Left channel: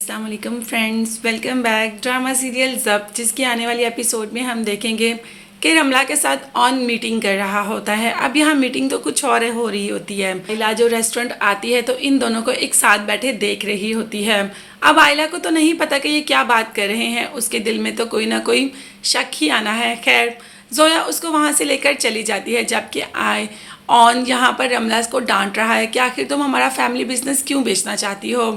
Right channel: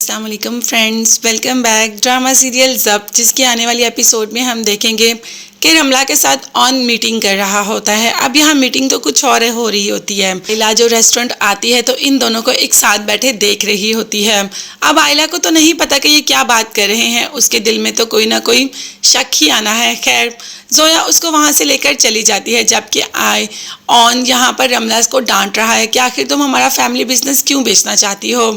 अस्सलामुअलैकुम friends, welcome back. Drama serial Zabt, जिसकी आने वाली एपिसोड में हम देखेंगे कि रमला के साथ ऑन मीटिंग कर रहा होता है। अब यहाँ मीटिंग तो कुछ और हो रही होती है। आयला जो रेस्टोरेंट आती है तो इन दोनों को एक साथ बैठे देख रही होती है। अब आयला को तो नहीं पता कि ये क्या बात कर रहे हैं, उसके दिल में तो कोई ना कोई शक ही आना है। खैर, जोया उसको वहाँ से लेकर चली जाती है, जबकि ऑन यहाँ पर रमला को डांट रहा है कि आखिर तुम हमारा फैमिली बिजनेस क्यों बेचना चाहती हो।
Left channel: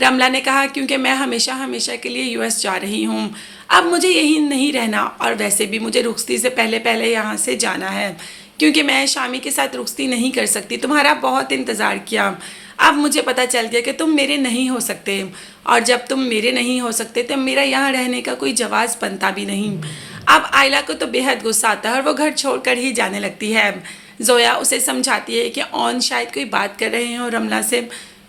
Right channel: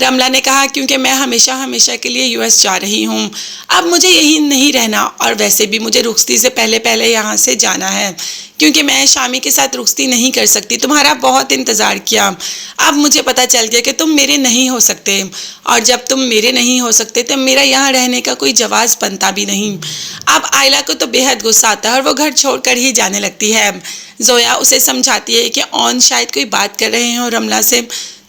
रमला ने कहा क्योंकि मैं हमेशा हमेशा के लिए यूएस जा रही हूँ, अब मुझे यही नहीं रहना, और वैसे भी मुझे रुखसती से पहले पहले यहाँ से जाना है क्योंकि मैं शामी के साथ रुखसती नहीं कर सकती। तुम्हारा बहुत इंतज़ार किया, अब मुझे पता चल गया कि तुम मेरे नहीं हो सकते, और जब तुम मेरे नहीं हो सकते तो मेरा यहाँ रहने का कोई जवाब बनता भी नहीं। अब आयला को तो बेहद गुस्सा आता है और वो घर छोड़कर ही जाने लगती है। जोया उसे समझाती है कि ऑन शायद कोई बात कर रहे हो रमला से,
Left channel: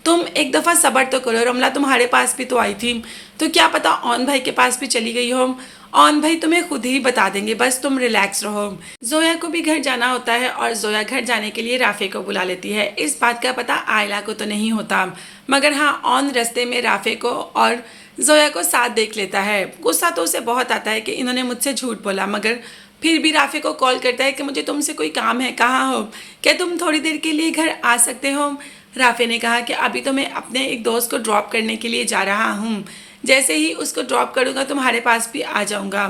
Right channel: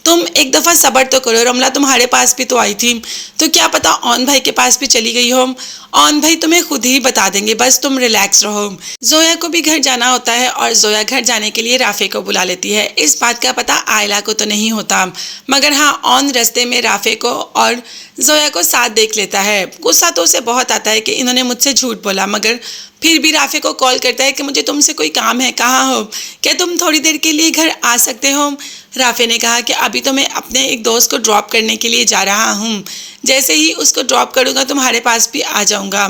तुम एक दफ़ा सब्र तो करो। रमला तुम्हारे पास भी तो आई थी, तो क्या पता ऑन भाई के पास भी चली गई हो। ऑन भाई तुम्हें खुद ही बता देंगे, बस तुम रिलैक्स रहो। जोया को भी घर जाना होता है और जोया घर जाने के लिए राफे को बुला लेती है। इस बात का पता आयला को तो नहीं होता, मगर हाँ, ऑन रास्ते में राफे को और जोया को साथ देख लेता है। गुस्सा तो उसे बहुत आता है कि इन्होंने मुझसे झूठ बोला, मगर फिर भी राफे को कॉल करता है कि मुझे तुमसे कोई काम है, कहाँ हो, क्या तुम थोड़ी देर के लिए घर आ सकते हो। राफे ने कहा कि अभी तो मैं अपने एक दोस्त को ड्रॉप करने के लिए जा रहा हूँ, जैसे ही उसको ड्रॉप करूँगा तुम्हारे पास भी आ जाऊँगा।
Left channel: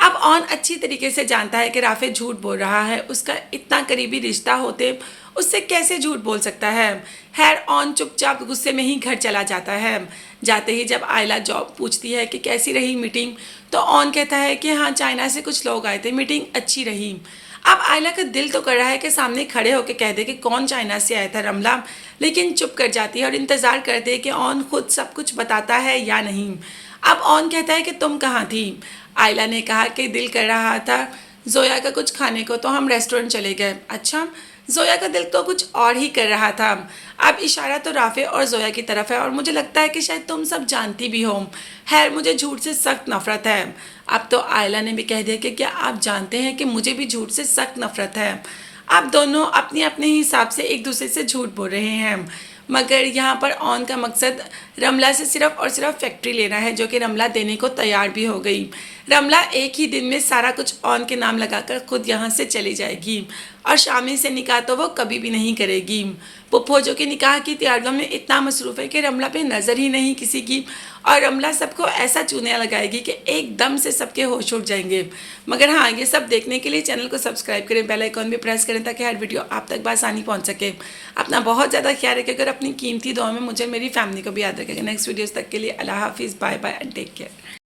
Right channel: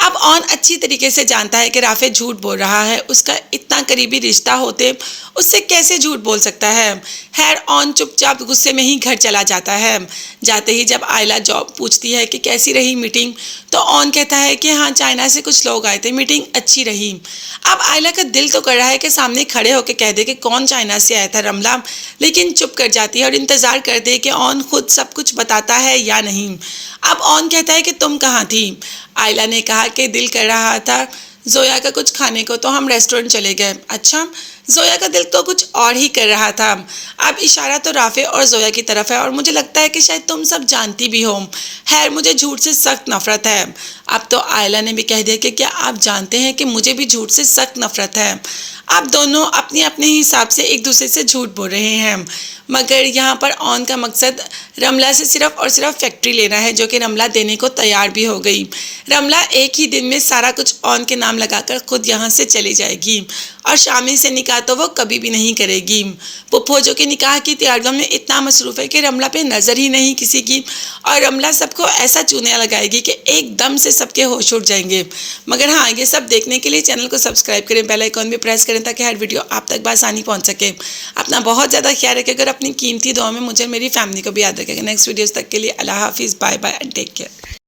अब ऑन अच्छी तरीके से जानता है कि राफे झूठ बोल रहा है, उसका इतना करीबी रिश्ता होते उससे कैसे झूठ बोल सकता है। खैर, ऑन चुपचाप गुस्से में ही घर चला जाता है। जाते ही जब आयला जॉब पूछती है कि कैसी रही मीटिंग, तो ऑन कहता है कि हाँ, चाइना से कुछ लोग आए थे, मीटिंग अच्छी रही। अब आयला का दिल तो कर रहा है कि सामने खड़े होकर कह दे कि कौन चाइना से आया था रमला, लेकिन चुप कर जाती है और इंतज़ार करते कि ऑन खुद सब कुछ बताता है या नहीं। अब ऑन कहता है कि तुम कहाँ थी। आयला ने कहा कि दिल कर रहा था जोया का कुछ खाने को, तो हम रेस्टोरेंट चले गए। अच्छा, जोया का दिल तो कुछ और ही कर रहा था। अब इशारा तो राफे और जोया की तरफ है और मुझे लगता है कि शायद तुम सब जानती भी हो। खैर, मुझे झूठ से सख्त नफरत है। अब तो आयला ने भी कह दिया कि क्या आप जानते हैं कि मुझे भी झूठ से सख्त नफरत है। अब दोनों अपने अपने हिसाब से एक दूसरे से झूठ बोल रहे हैं, मगर यहाँ पर ऑन का मकसद रमला से सिर्फ और सिर्फ फैक्ट्री लेना है, जो कि रमला देने को तैयार भी हो गई। रमला एक ही दिन में सारा कुछ ऑन के नाम लगाकर खुद यहाँ से चली जाएगी, और शामी से निकाह तो वो कभी भी नहीं करेगी। पुप्पो जो कि निकाह की तैयारियों में इतना मसरूफ़ है कि रमला पे नज़र ही नहीं किसी की, और रमला सबको ऐसा चूने लगाएगी कि एकदम से सबके होश उड़ जाएंगे। मगर हाँ, ये सब देखने के लिए चैनल को सब्सक्राइब करें, बेल आइकॉन भी प्रेस करें ताकि हर वीडियो आप तक बआसानी पहुँच सके। अपना बहुत ज़्यादा ख्याल रखें, अगर अपनी कीमती दुआ में मुझे मेरी फैमिली को भी याद रखेगा। नेक्स्ट वीडियोज़ तक के लिए अल्लाह हाफिज़, bye bye and take care.